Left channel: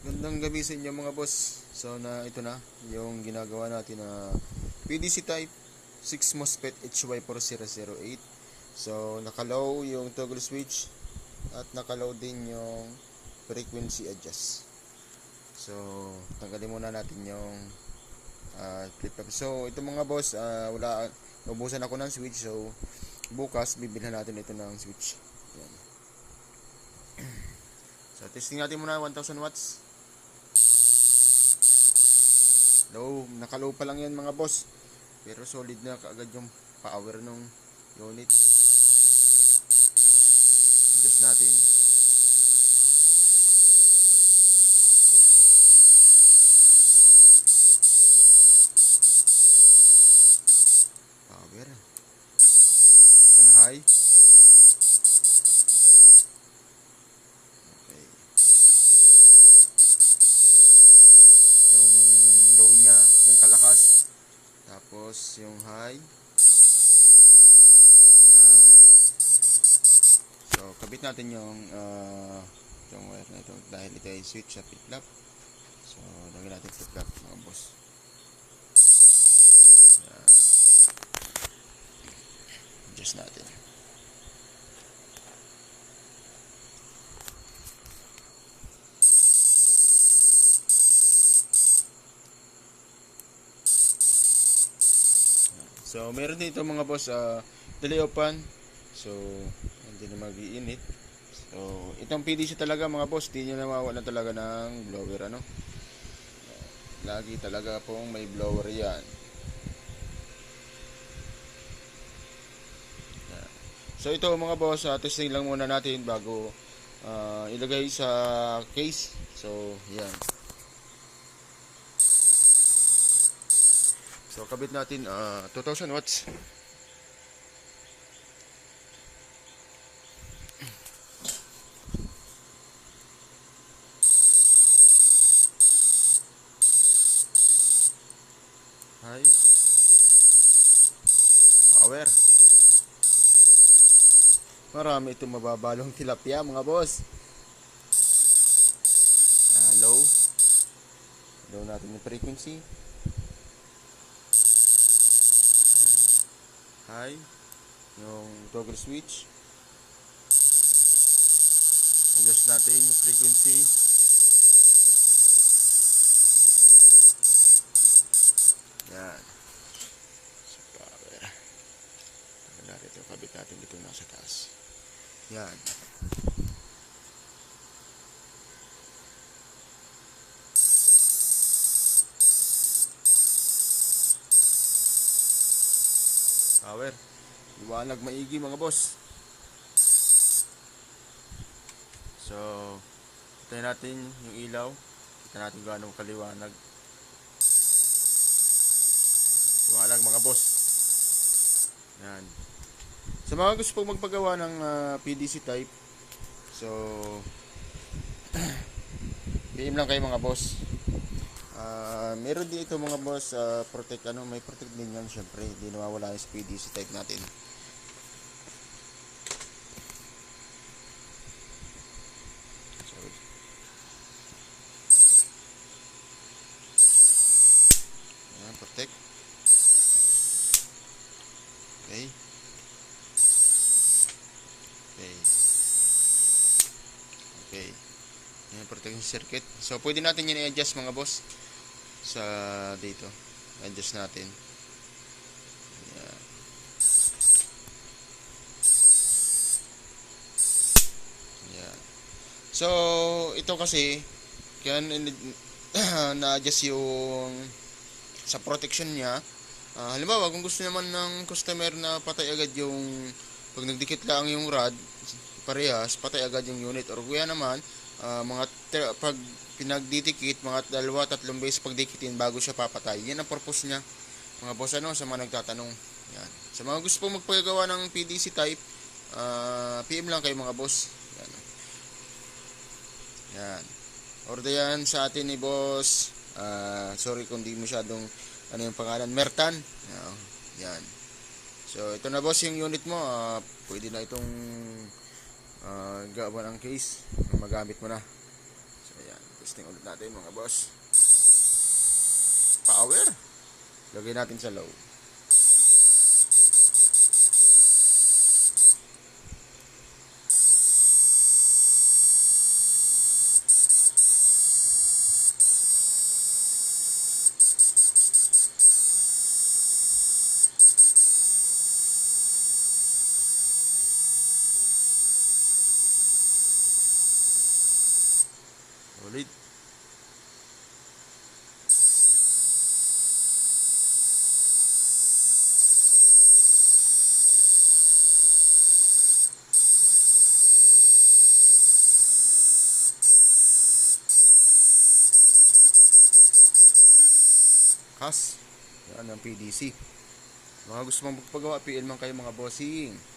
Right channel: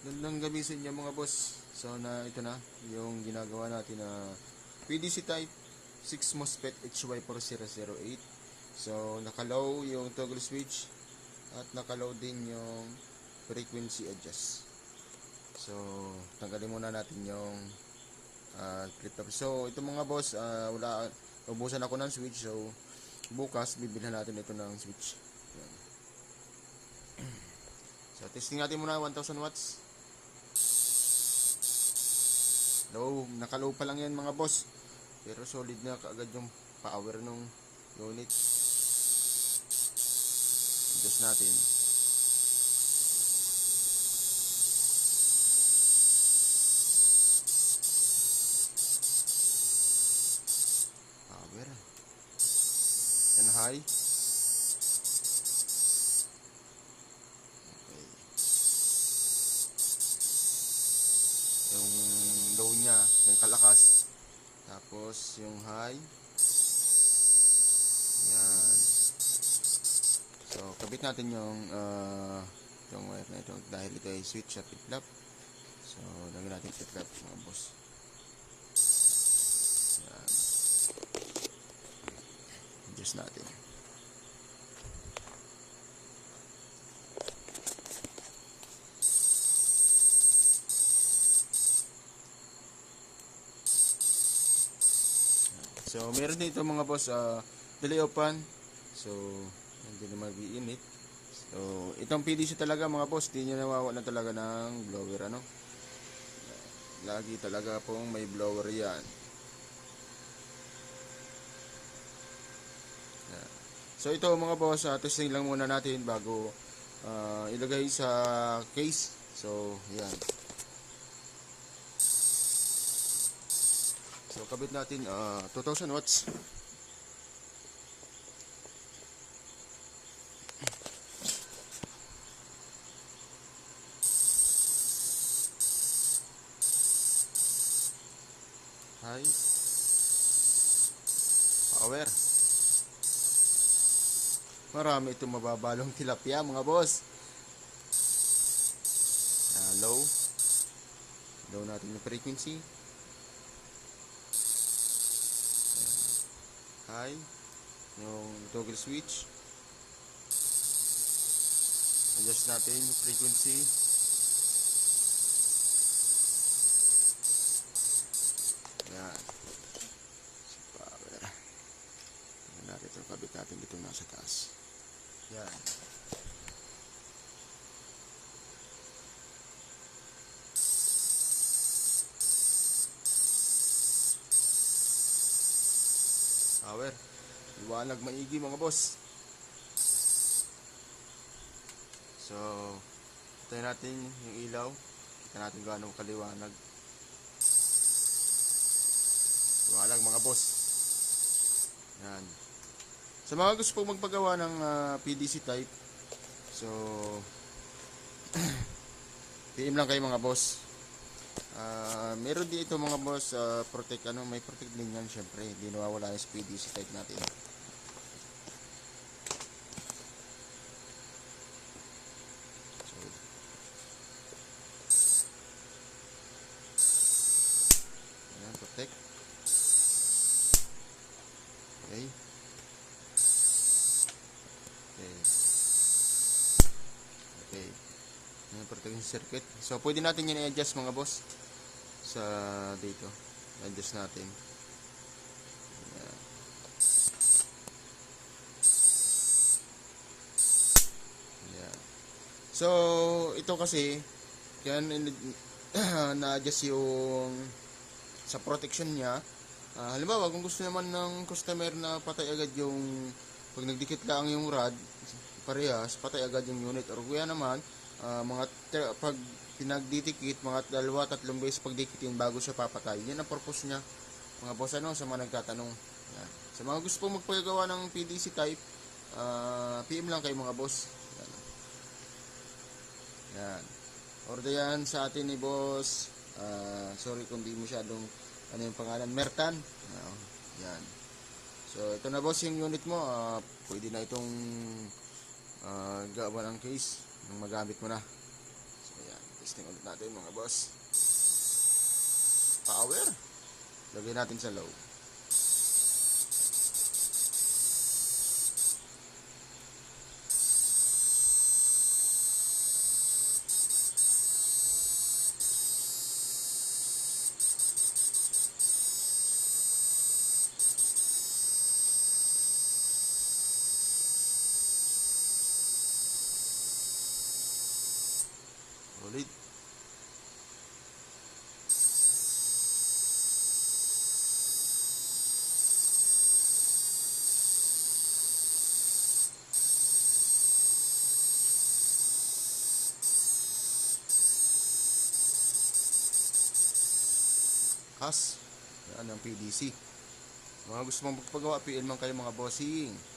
Gandang gabi sa inyo mga boss. So ito na yung ginagawa natin na PDC type 6 MOSFET HY4008. So naka-low yung toggle switch at naka-low din yung frequency adjust. So tanggalin muna natin yung flip top. So ito mga boss, naubusan ako ng switch. So bukas bibilhan natin ito ng switch. Yan. So testing natin muna 1000 watts. Low, naka-low pa lang yan mga boss. Pero solid na kaagad yung power ng unit. Adjust natin. Power. Yan high. Okay. Yung low niya, yung kalakas. Tapos yung high. Yan. So, kabit natin yung wire na ito dahil ito ay switch sa flip-flop. So, lagyan natin flip-flop mga boss. Yan. Adjust natin. So, meron dito mga boss, delay open. So, hindi na mag-iinit. So, itong PDC talaga mga boss, di nyo nawawalan talaga ng blower, ano? Lagi talaga pong may blower yan. So, ito mga boss, testing lang muna natin bago ilagay sa case. So, yan. So, kabit natin 2000 watts. High. Power. Marami itong mababalong tilapia mga boss. Low. Low natin yung frequency. High. Yung toggle switch. Adjust natin yung frequency. Yan. So, power. Natin ito. Kabit natin dito nasa taas. Yan. Power. Liwanag maigi mga boss. So, tayo natin yung ilaw. Kita natin gaano kaliwanag. Liwanag mga boss. Yan. Sa mga gusto pong magpagawa ng PDC type, so DM lang kayo mga boss. Meron dito mga boss, protect may protect din yan syempre, hindi nawawala yung PDC type natin. Ayan, protect. Okay. Okay. Okay. Ayan, protection circuit. So, pwede natin yan i-adjust mga boss. Sa dito. Adjust natin. Ayan. Ayan. So, ito kasi, kaya na-adjust yung sa protection niya. Halimbawa, kung gusto naman ng customer na patay agad yung pag nagdikit lang yung rod, parehas, patay agad yung unit. Or kuya naman, pag pinagdidikit, mga 2-3 beses pagdikitin bago siya papatay. Yan ang purpose niya. Mga boss, sa mga nagtatanong. Yan. Sa mga gusto pong magpagawa ng PDC type, PM lang kayo mga boss. Yan. Yan. Order yan sa atin ni boss. Sorry kung di masyadong ano yung pangalan, Mertan. Yan. So, ito na boss yung unit mo. Pwede na itong gawa ng case. Magamit mo na. So, yan. Testing ulit natin mga boss. Power. Lagay natin sa low. Ulit. Kas. Yan ang PDC. Mga gusto mong magpagawa, PL man kayo mga bossing.